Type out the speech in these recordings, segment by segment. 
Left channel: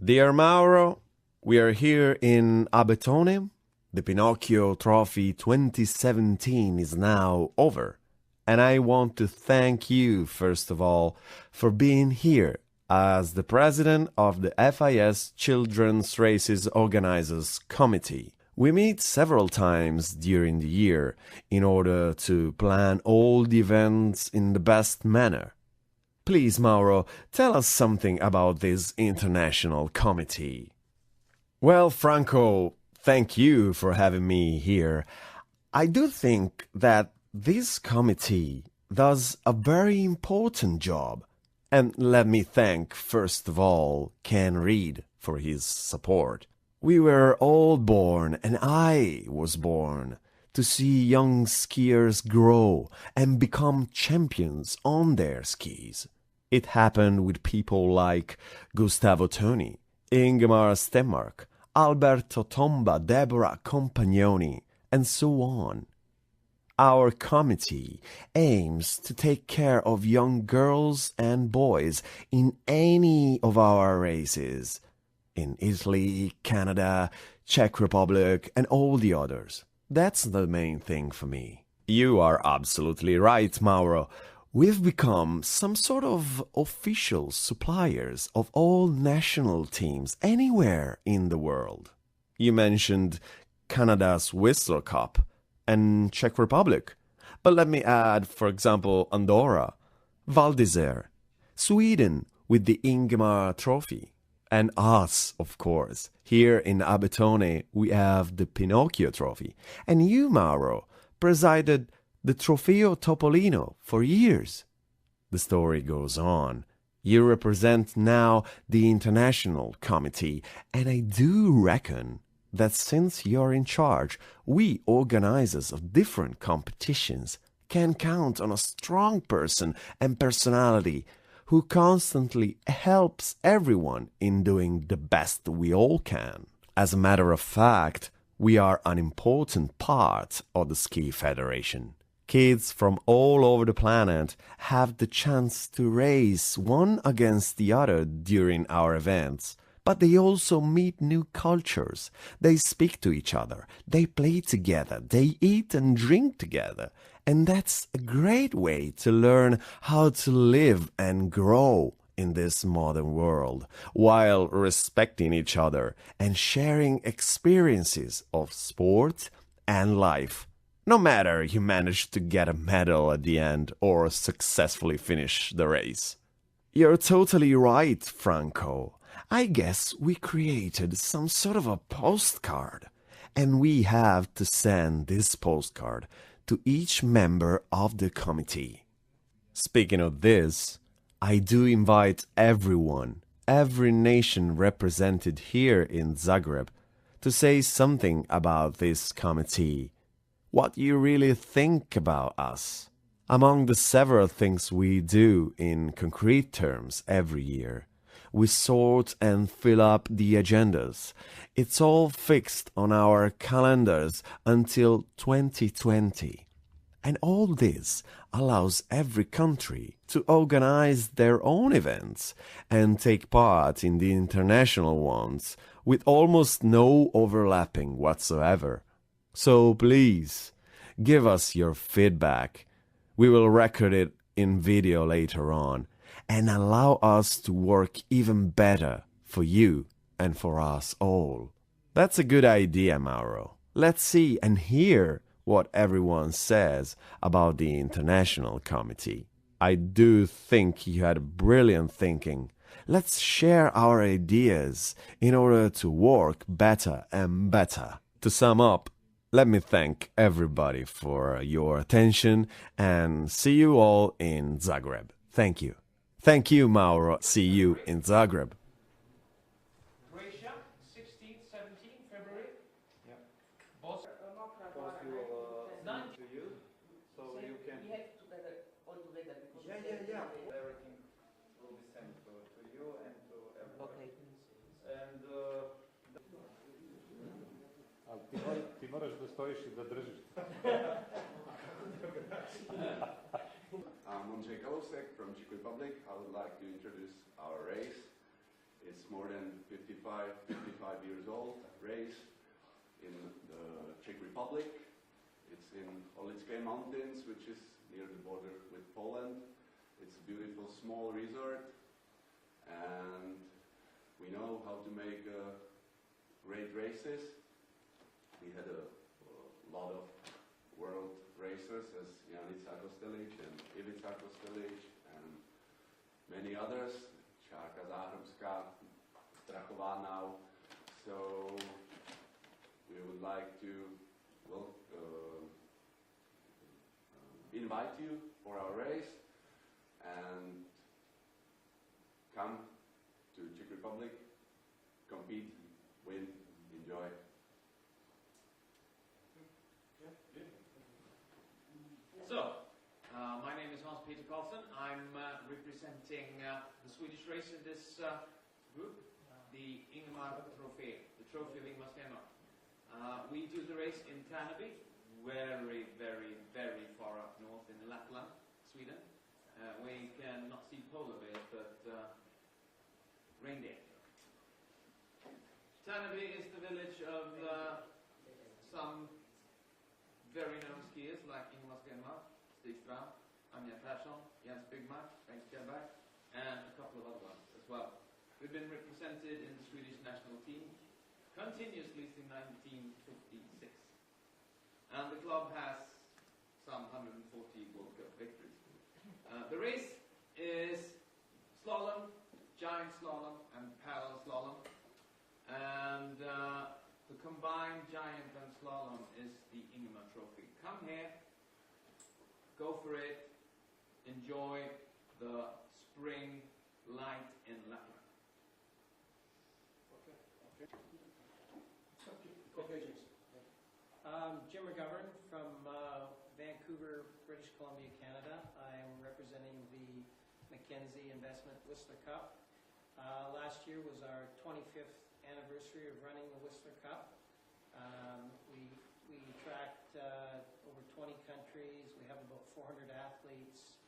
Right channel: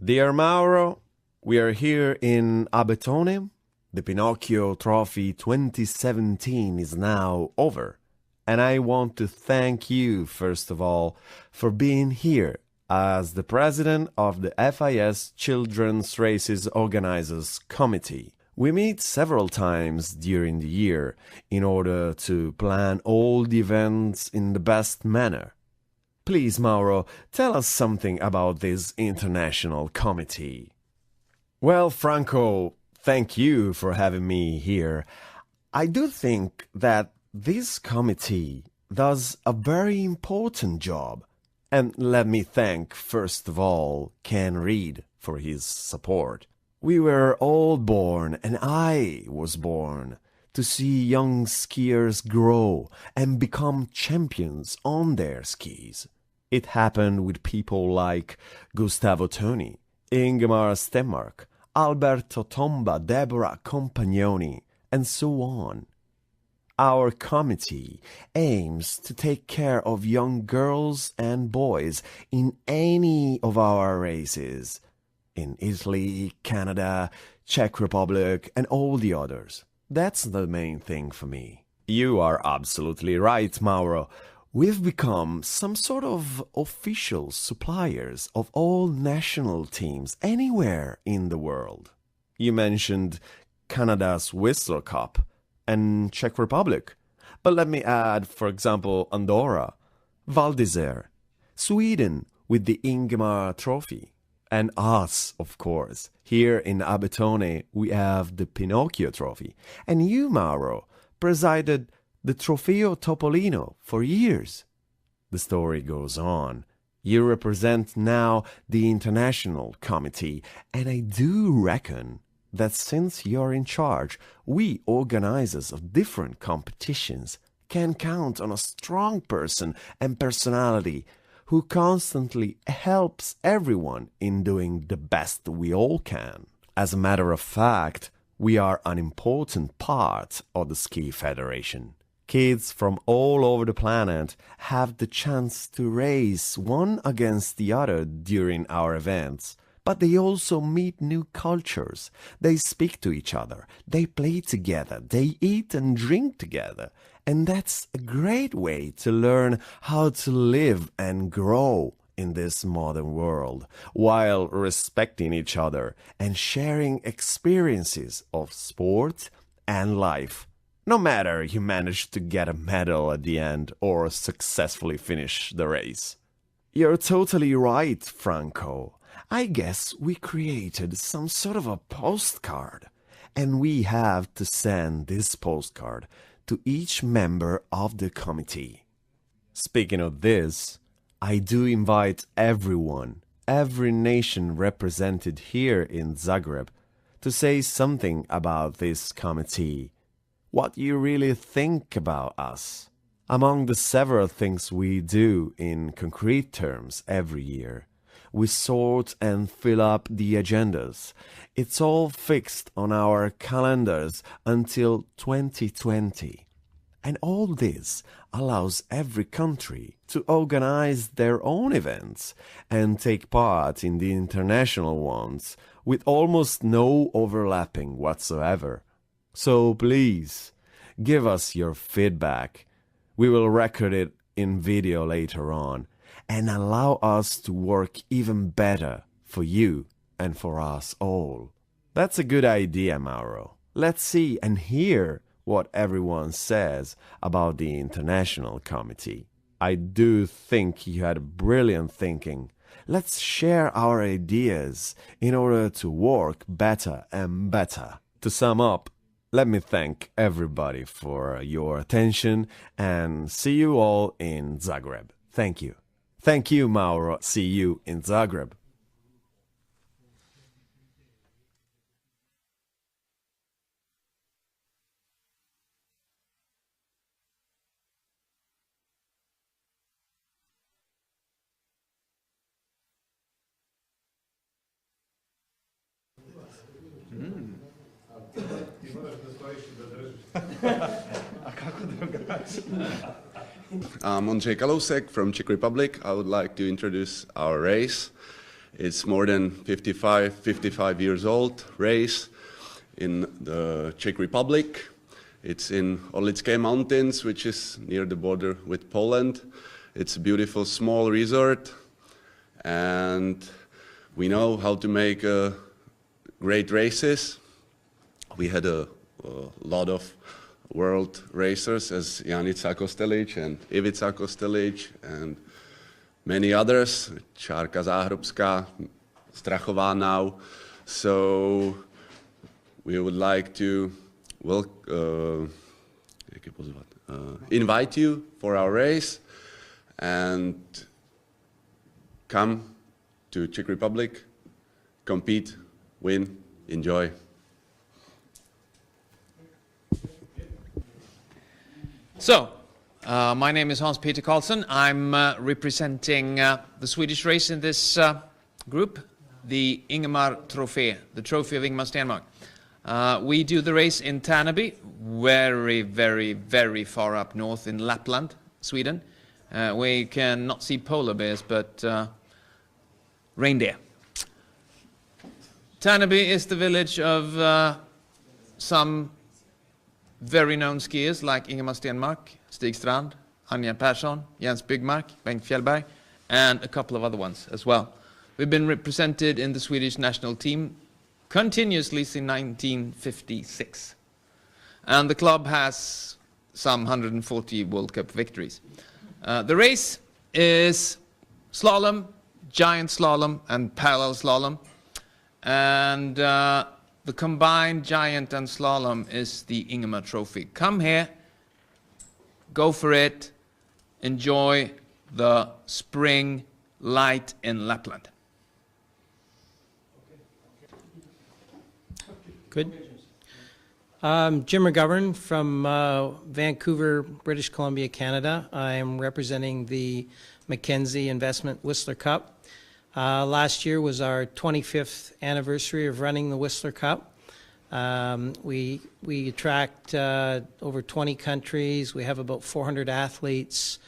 Dear Mauro, we are here in Abetone. The Pinocchio Trophy 2017 is now over. And I want to thank you, first of all, for being here as the president of the FIS Children R.O.C Organizers Committee. We meet several times during the year in order to plan all the events in the best manner. Please, Mauro, tell us something about this international committee. Well, Franco, thank you for having me here. I do think that this committee does a very important job. And let me thank, first of all, Ken Reed for his support. We were all born, and I was born, to see young skiers grow and become champions on their skis. It happened with people like Gustavo Toni, Ingemar Stenmark, Alberto Tomba, Deborah Compagnoni, and so on. Our committee aims to take care of young girls and boys in any of our races, in Italy, Canada, Czech Republic, and all the others. That's the main thing for me. You are absolutely right, Mauro. We've become some sort of official suppliers of all national teams anywhere in the world. You mentioned Canada's Whistler Cup and Czech Republic. But let me add, for example, Andorra, Val d'Isère, Sweden with the Ingemar Trophy, and us, of course. Here in Abetone, we have the Pinocchio Trophy. And you, Mauro, presided the Trofeo Topolino for years. The story goes on. You represent now the International Committee, and I do reckon that since you're in charge, we organizers of different competitions can count on a strong person and personality who constantly helps everyone in doing the best we all can. As a matter of fact, we are an important part of the Ski Federation. Kids from all over the planet have the chance to race one against the other during our events. But they also meet new cultures. They speak to each other. They play together. They eat and drink together. And that's a great way to learn how to live and grow in this modern world while respecting each other and sharing experiences of sport and life. No matter you manage to get a medal at the end or successfully finish the race. You're totally right, Franco. I guess we created some sort of a postcard, and we have to send this postcard to each member of the committee. Speaking of this, I do invite everyone, every nation represented here in Zagreb, to say something about this committee, what you really think about us. Among the several things we do in concrete terms every year, we sort and fill up the agendas. It's all fixed on our calendars until 2020. And all this allows every country to organize their own events and take part in the international ones with almost no overlapping whatsoever. So please, give us your feedback. We will record it in video later on and allow us to work even better for you and for us all. That's a good idea, Mauro. Let's see and hear what everyone says about the International Committee. I do think you had brilliant thinking. Let's share our ideas in order to work better and better. To sum up, let me thank everybody for your attention and see you all in Zagreb. Thank you. Thank you, Mauro. See you in Zagreb. Croatia, 16th, 17th February. Yeah. Boss. To you, so you can. We have together, all together. Yeah. Everything will be sent to you and to everybody. I'm Ondřej Kalousek from Czech Republic. I would like to introduce our race. It's more than 55 years old race in the Czech Republic. It's in Orlické Mountains, which is near the border with Poland. It's a beautiful small resort, and we know how to make great races. We had a lot of world racers as Janica Kostelic and Ivica Kostelic and many others, Čárka Záhrobská, Strachová now. So we would like to invite you for our race and come to Czech Republic, compete, win, enjoy. So, my name is Hans-Peter Karlsson. I'm representing the Swedish race in this group, the Ingemar Trophy, the Trophy of Ingemar Stenmark. We do the race in Tärnaby, very, very, very far up north in Lapland, Sweden. We cannot see polar bears, but reindeer. Tärnaby is the village of some very known skiers like Ingemar Stenmark, Stig Strand, Anja Persson, Jens Byggmark, Bengt Fjällberg, and a couple of other ones as well. We've been represented in the Swedish national team continuously since 1956. And the club has some 140 World Cup victories. The race is slalom, giant slalom, and parallel slalom. And the combined giant and slalom is the Ingemar Trophy. Come here, go for it, enjoy the spring light in Lapland. Good. Jim McGovern from Vancouver, British Columbia, Canada. I am representing the Mackenzie Investment Whistler Cup. Last year was our 25th anniversary of running the Whistler Cup. We attract over 20 countries. We have about 400 athletes.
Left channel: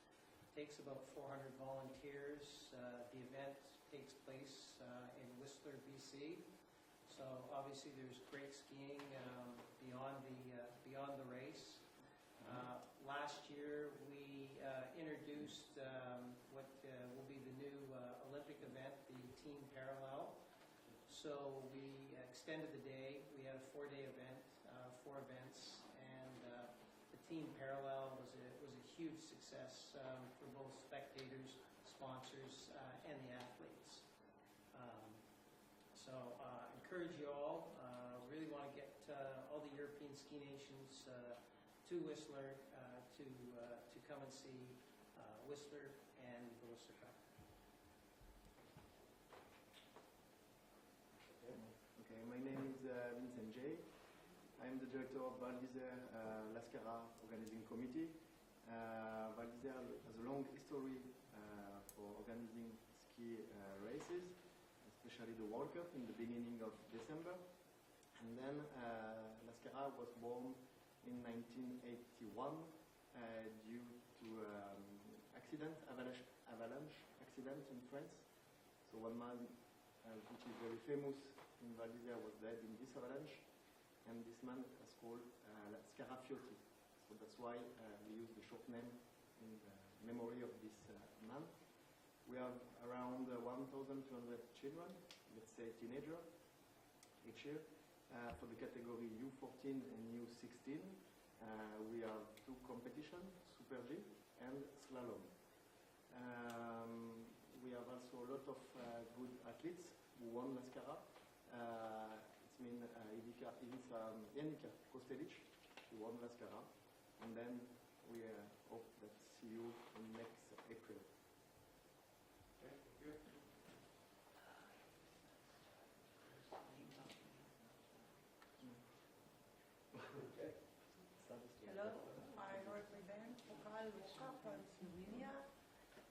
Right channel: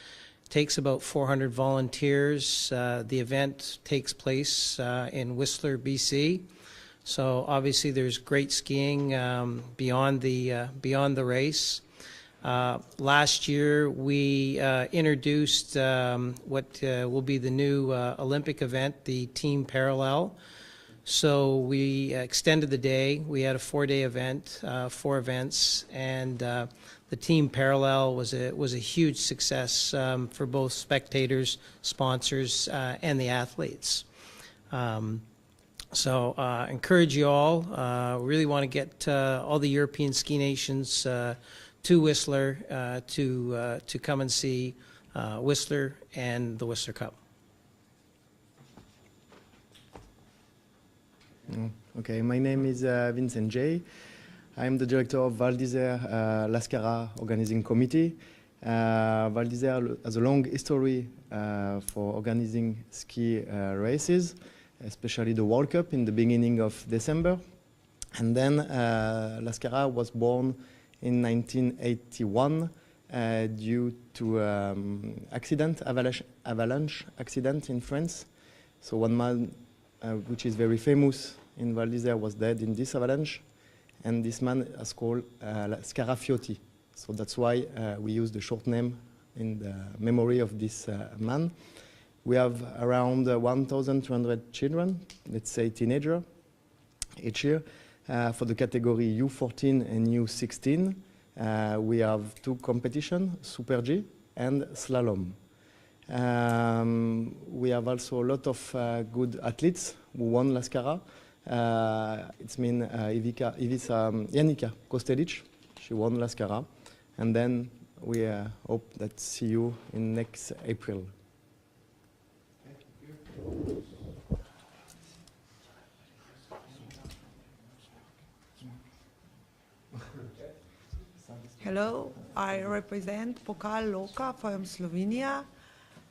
It takes about 400 volunteers. The event takes place in Whistler, BC. So obviously there's great skiing beyond the race. Last year we introduced what will be the new Olympic event, the Team Parallel. So we extended the day. We had a 4-day event, 4 events, and the Team Parallel was a huge success for both spectators, sponsors, and the athletes. So encourage you all. Really want to get all the European ski nations to Whistler to come and see Whistler and the Whistler Cup. Okay, my name is Vincent J. I'm the director of Val d'Isère Lascara Organizing Committee. Val d'Isère has a long history for organizing ski races, especially the World Cup in the beginning of December. And then Lascara was born in 1981 due to avalanche accident in France. So one man, which is very famous in Val d'Isère, was dead in this avalanche, and this man is called Scarafiotti. So that's why we use the short name in the memory of this man. We have around 1,200 children, let's say teenagers, each year. For the category U14 and U16, we have 2 competitions, Super G and Slalom. We have also a lot of good athletes who won Lascara. It's mean Janica Kostelic, she won Lascara. And then we hope that see you in next April. Hello, I represent Pokal Loka from Slovenia.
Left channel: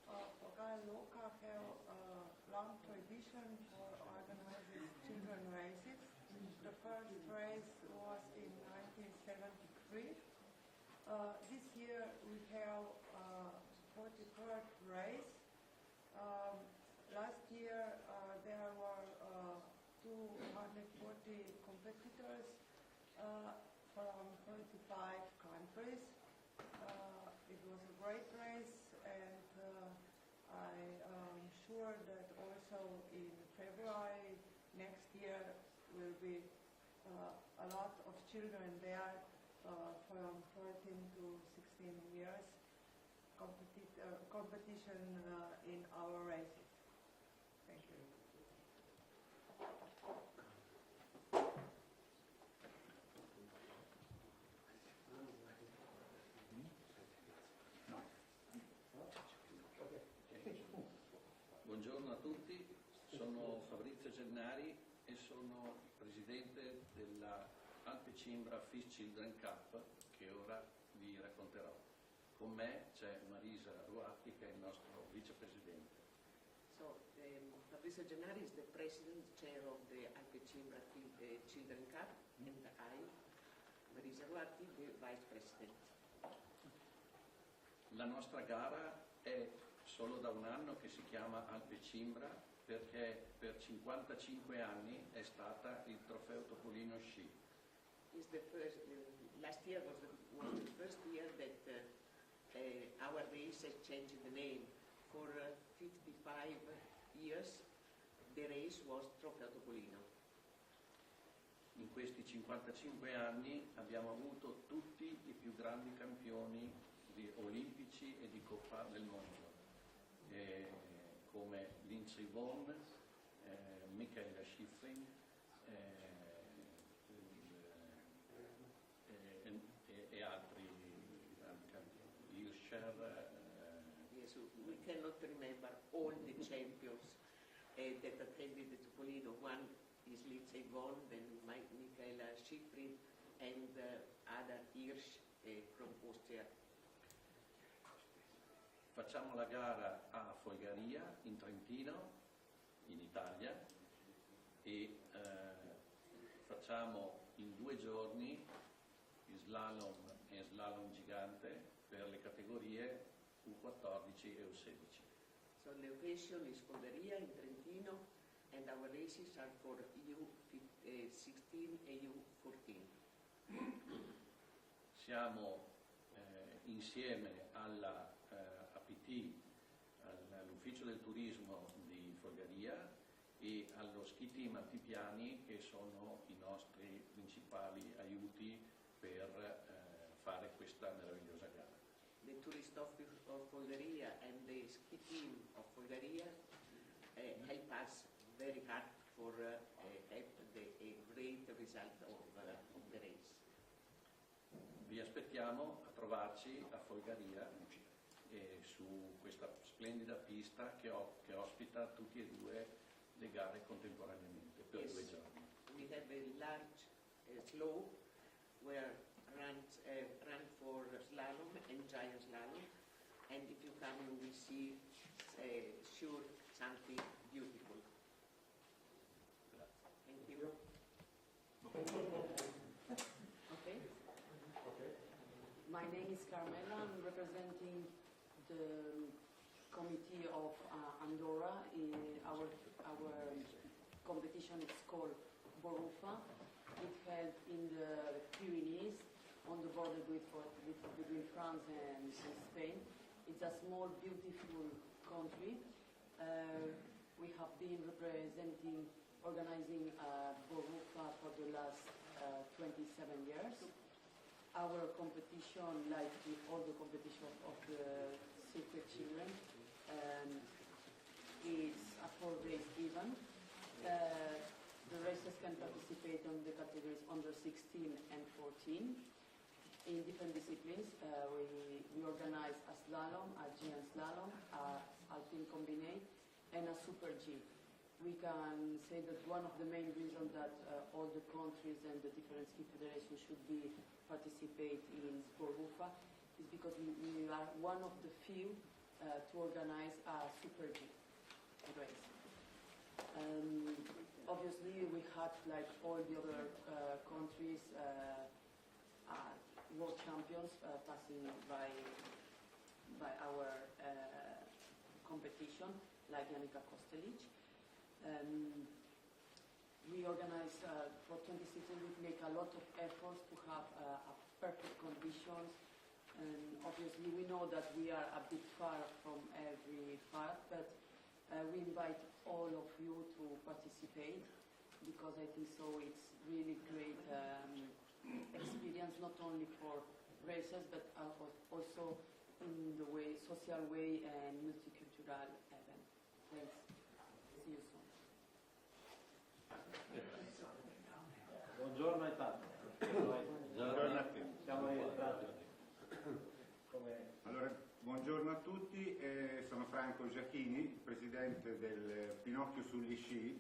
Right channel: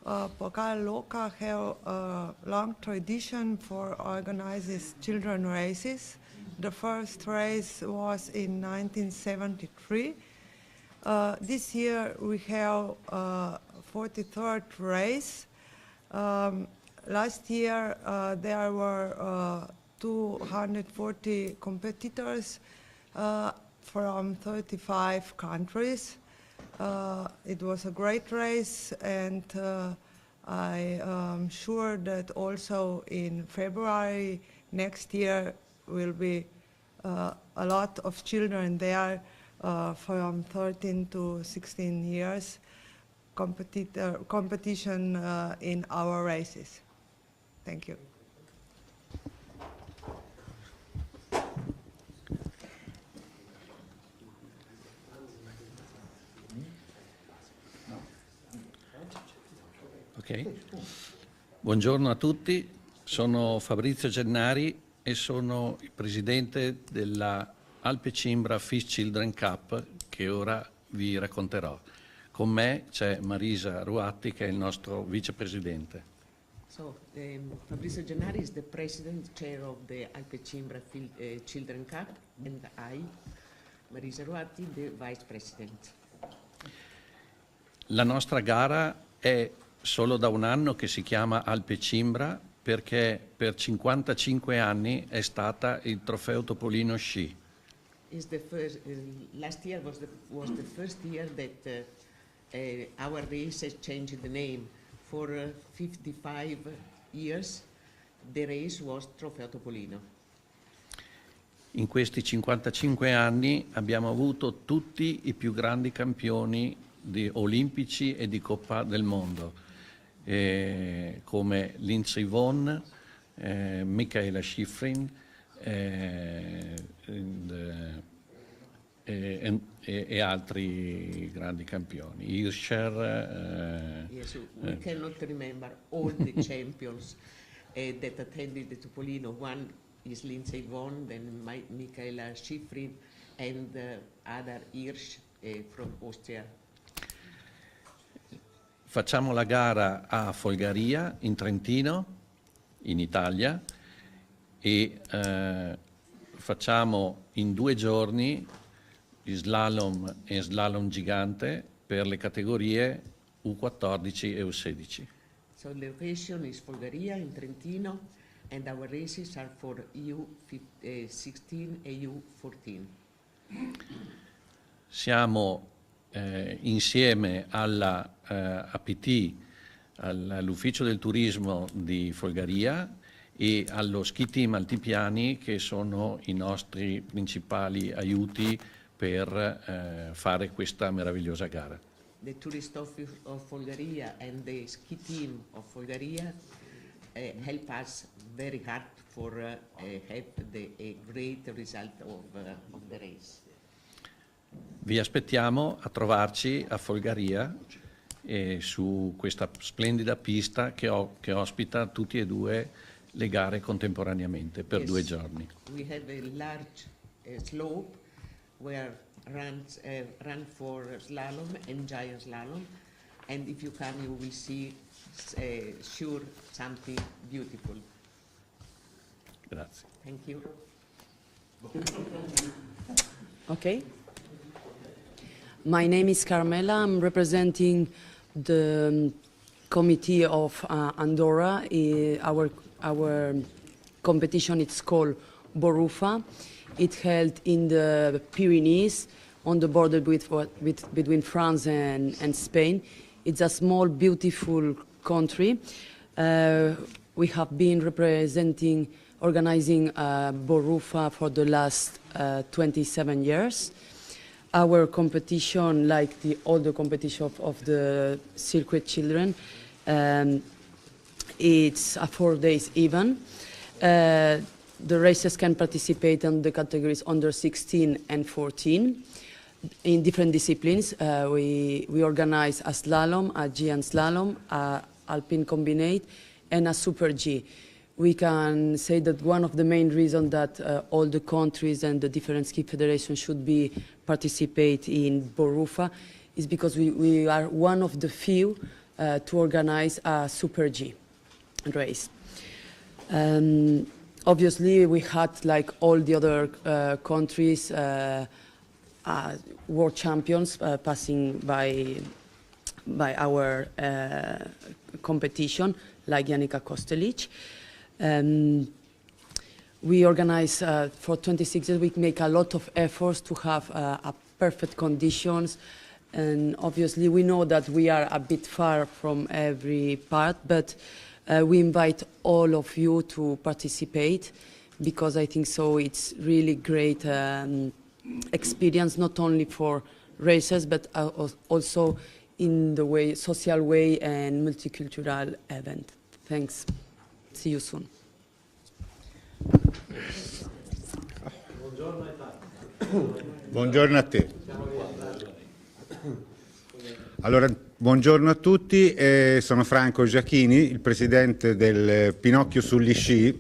Pokal Loka have a long tradition for organizing children races. The first race was in 1973. This year we have 43rd race. last year there were 240 competitors from 35 countries. It was a great race, and I am sure that also in February next year will be a lot of children there from 13 to 16 years competition in our races. Thank you. Ok. Buongiorno a tutti, sono Fabrizio Gennari e sono il presidente della Alpe Cimbra FIS Children Cup che ora vi racconterò. Con me c'è Marisa Ruatti che è il nostro vicepresidente. So, Fabrizio Gennari is the president chair of the Alpe Cimbra Children Cup, and I, Marisa Ruatti, the vice president. La nostra gara è solo da un anno che si chiama Alpe Cimbra perché per 55 anni è stata il trofeo Topolino Sci. Is the first, last year was the first year that our race has changed the name. For 55 years the race was Trofeo Topolino. In questi 55 anni abbiamo avuto tutti i più grandi campioni olimpici e di Coppa del Mondo, come Lindsey Vonn, Michaela Schifrin e altri grandi campioni. Hirscher. Yes, we cannot remember all the champions that attended the Topolino. One is Lindsey Vonn, then Michaela Schifrin, and other Hirsch from Austria. Facciamo la gara a Folgaria, in Trentino, in Italia, e facciamo in 2 giorni slalom e slalom gigante per le categorie U14 e U16. So the location is Folgaria in Trentino, and our races are for U16 e U14. Siamo insieme alla APT, all'ufficio del turismo di Folgaria e allo ski team Altipiani, che sono i nostri principali aiuti per fare questa meravigliosa gara. The tourist office of Folgaria and the ski team of Folgaria help us very hard for have a great result of the race. Vi aspettiamo a trovarci a Folgaria su questa splendida pista che ospita tutti e 2 le gare contemporaneamente per 2 giorni. We have a large slope where run for slalom and giant slalom, and if you come you will see sure something beautiful. Grazie. Thank you. Okay. My name is Carmela. I'm representing the committee of Andorra. Our competition is called Borufa. It held in the Pyrenees on the border between France and Spain. It's a small, beautiful country. We have been organizing Borufa for the last 27 years. Our competition, like all the competition of the circuit children, it's a 4 days event. The racers can participate in the categories under 16 and 14 in different disciplines. We organize a slalom, a giant slalom, a alpine combinate, and a super G. We can say that one of the main reasons that all the countries and the different ski federations should participate in Borufa is because we are one of the few to organize a super G race. Obviously, we had, like all the other countries, world champions passing by our competition, like Janica Kostelic. We organize for 26 years, we make a lot of efforts to have perfect conditions. And obviously we know that we are a bit far from every part, but we invite all of you to participate, because I think so it's really great experience, not only for races, but also in the way, social way and multicultural event. Thanks. See you soon. Buongiorno a te. Allora, buongiorno a tutti, sono Franco Giachini, il presidente del Pinocchio sugli sci,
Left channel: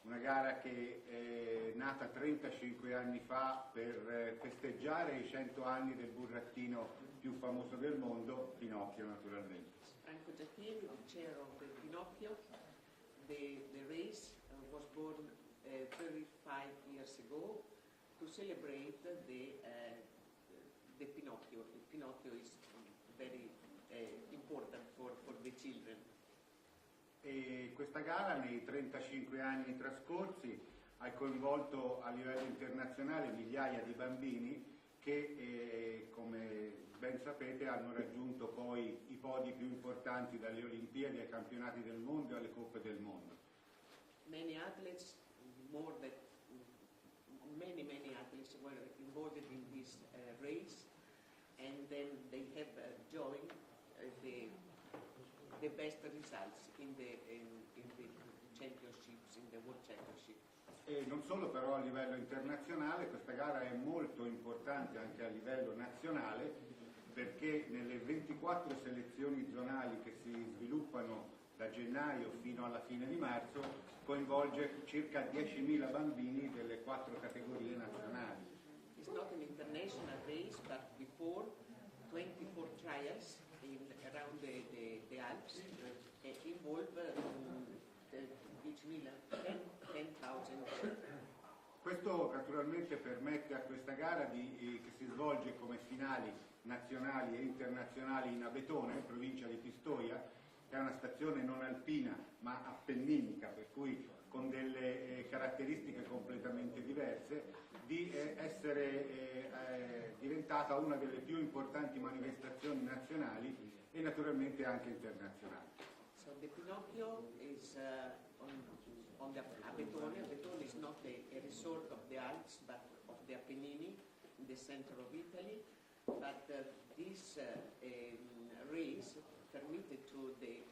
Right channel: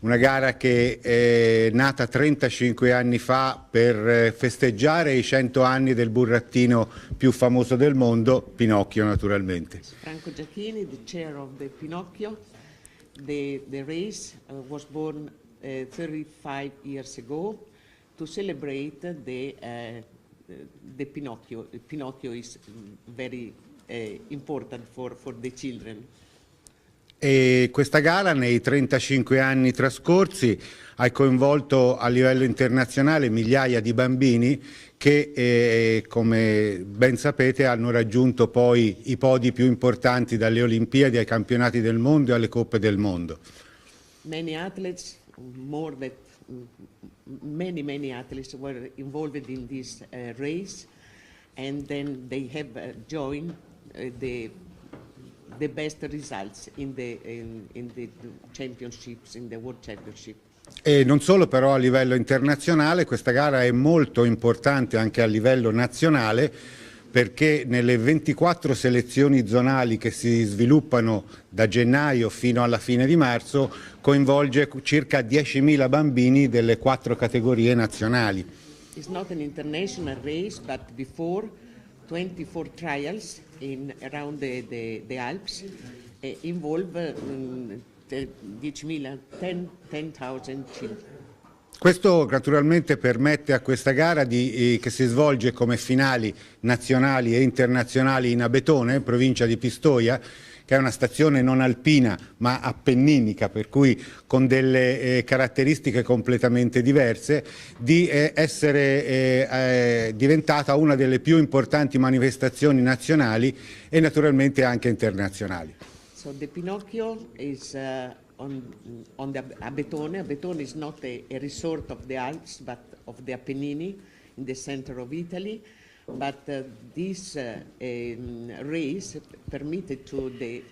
una gara che è nata 35 anni fa per festeggiare i 100 anni del burattino più famoso del mondo, Pinocchio naturalmente. Franco Giachini, the chair of the Pinocchio. The race was born 35 years ago to celebrate the Pinocchio. Pinocchio is very important for the children. E questa gara nei 35 anni trascorsi ha coinvolto a livello internazionale migliaia di bambini che, come ben sapete, hanno raggiunto poi i podi più importanti, dalle Olimpiadi ai campionati del mondo e alle Coppe del mondo. Many athletes, many athletes were involved in this race, and then they have joined the best results in the championships, in the World Championship. E non solo, però a livello internazionale questa gara è molto importante anche a livello nazionale, perché nelle 24 selezioni zonali che si sviluppano da gennaio fino alla fine di marzo coinvolge circa 10.000 bambini delle 4 categorie nazionali. It's not an international race, but before 24 trials around the Alps involve 10.000 children. Questo naturalmente permette a questa gara che si svolge come finali nazionali e internazionali in Abetone, provincia di Pistoia, che è una stazione non alpina ma appenninica, per cui con delle caratteristiche completamente diverse, di essere diventata una delle più importanti manifestazioni nazionali e naturalmente anche internazionali. So the Pinocchio is on the Abetone. Abetone is not a resort of the Alps, but of the Appennini in the center of Italy. But this race permitted to the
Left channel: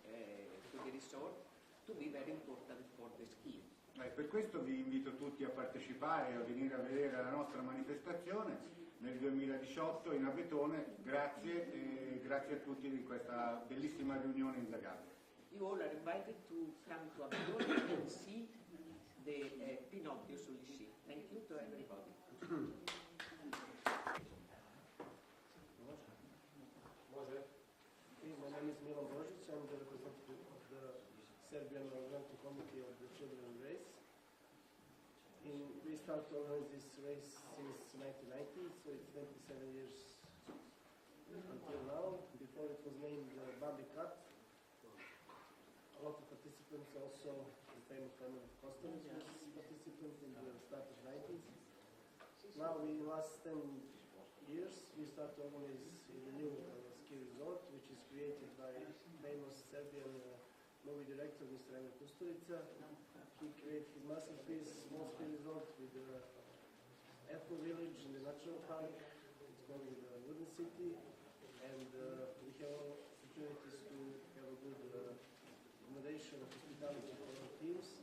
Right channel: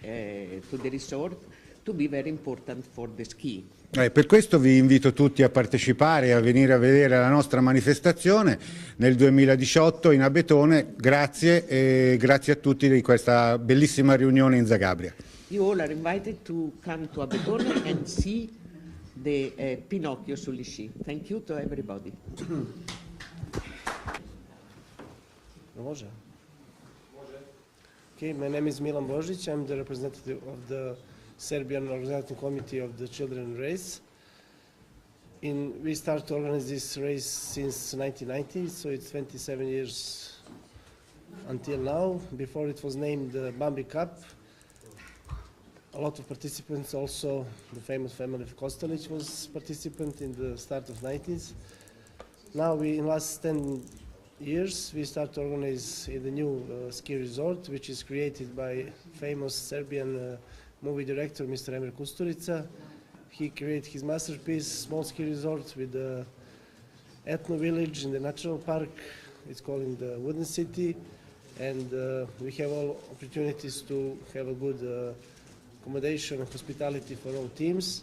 resort to be very important for the ski. Per questo vi invito tutti a partecipare e a venire a vedere la nostra manifestazione nel 2018 in Abetone. Grazie e grazie a tutti di questa bellissima riunione in Zagabria. You all are invited to come to Abetone and see the Pinocchio sugli sci. Thank you to everybody. Okay, my name is Milan Božić. I'm the representative of the Serbian Organizing Committee of the Children R.O.C. We started to organize this race since 1990, so it's 27 years until now. Before it was named the Bambi Cup. A lot of participants, also the famous family of Kostelic was participant in the start of 90s. Now in last 10 years we start to organize in the new ski resort, which is created by famous Serbian movie director Mr. Emir Kusturica. He created his masterpiece, small ski resort with the ethno village in the natural park. It's called the Wooden City, and we have all opportunities to have a good accommodation and hospitality for all teams.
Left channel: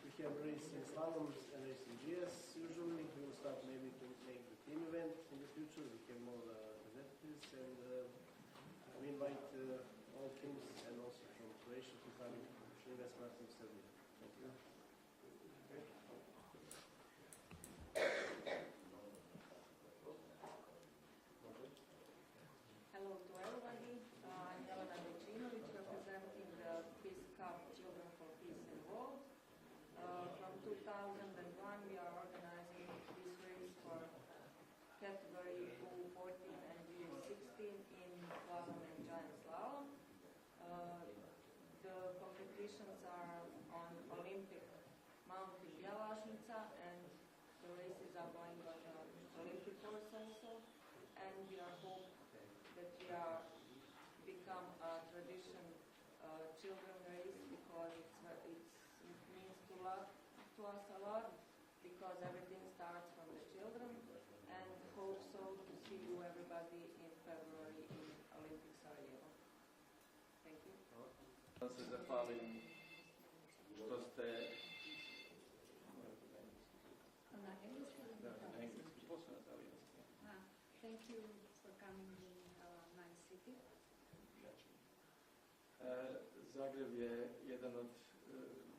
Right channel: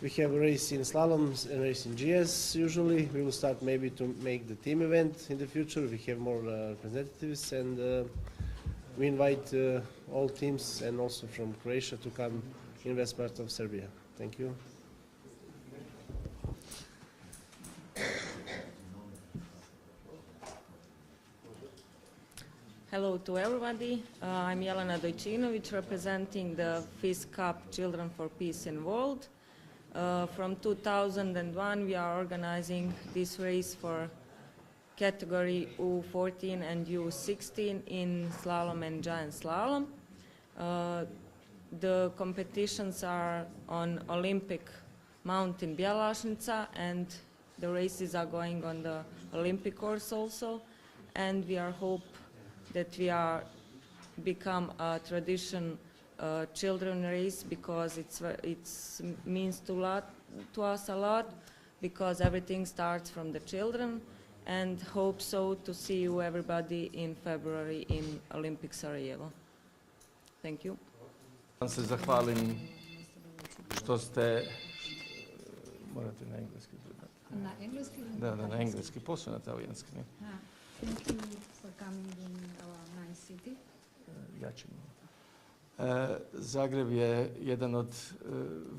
We have a race in slaloms and a race in GS usually. We will start maybe to make the team event in the future. We have more representatives, and we invite all teams and also from Croatia to come in west part of Serbia. Thank you. Hello to everybody. I'm Jelena Dojčinović, representing the FIS Cup Children for Peace in World. From 2001, we are organizing this race for category U14 and U16 in slalom and giant slalom. the competitions are on Olympic Mount in Bjelašnica, and the races are going on the Olympic course also, and we are hope that we are become a tradition children race, because it's means to us a lot, because everything starts from the children, and hope so to see you everybody in February in Olympic Sarajevo. Thank you. Vam se zahvalim što ste, morate na engleski predati. Na engleski? Da, na engleski, posle na talijanski. Ne? Thank you for coming in our nice city. Ja ću. Zagreb je jedan od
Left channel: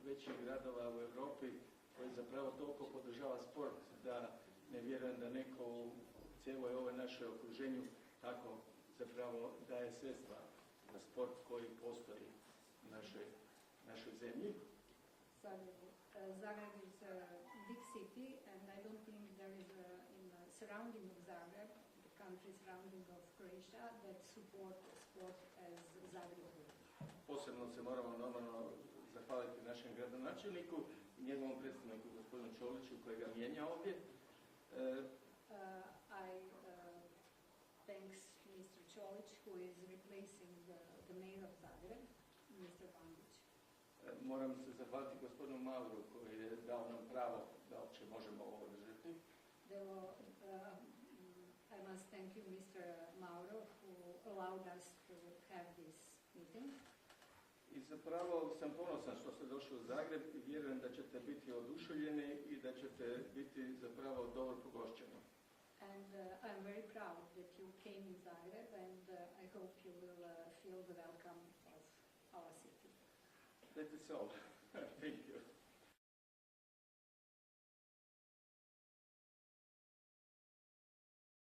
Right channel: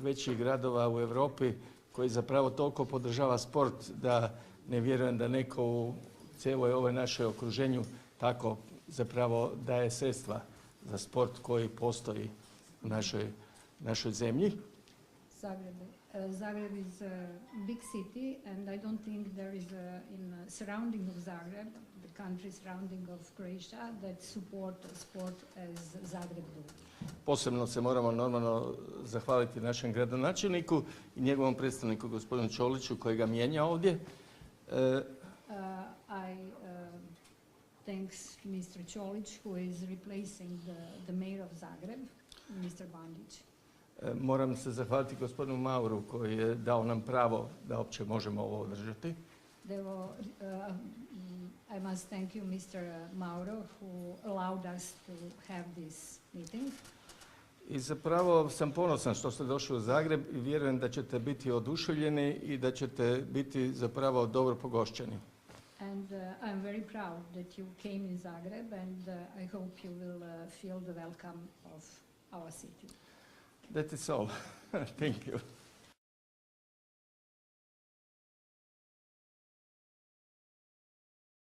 većih gradova u Europi koji zapravo toliko podržava sport da ne vjerujem da neko u cijeloj ovoj našoj okruženju tako zapravo daje sredstva za sport koji postoji u našoj zemlji. Zagreb is a big city, and I don't think there is in surrounding of Zagreb, the country surrounding of Croatia, that support sport as Zagreb do. Posebno se moramo normalno zahvaliti našem gradonačelniku i njegovom predstavniku gospodinu Čoliću koji ga mijenja ovdje. Thanks Mr. Čolić who is replacing the mayor of Zagreb, Mr. Bandić. Moram se zahvaliti gospodinu Mauru koji je dao nam pravo da uopće možemo ovo održati. I must thank you Mr. Mauro who allowed us to have this meeting. I zapravo sam ponosan što ste došli u Zagreb i vjerujem da ćete biti oduševljeni i da ćete biti zapravo dobro pogošćeni. And I'm very proud that you came in Zagreb, and I hope you will feel the welcome of our city. That is all. Thank you.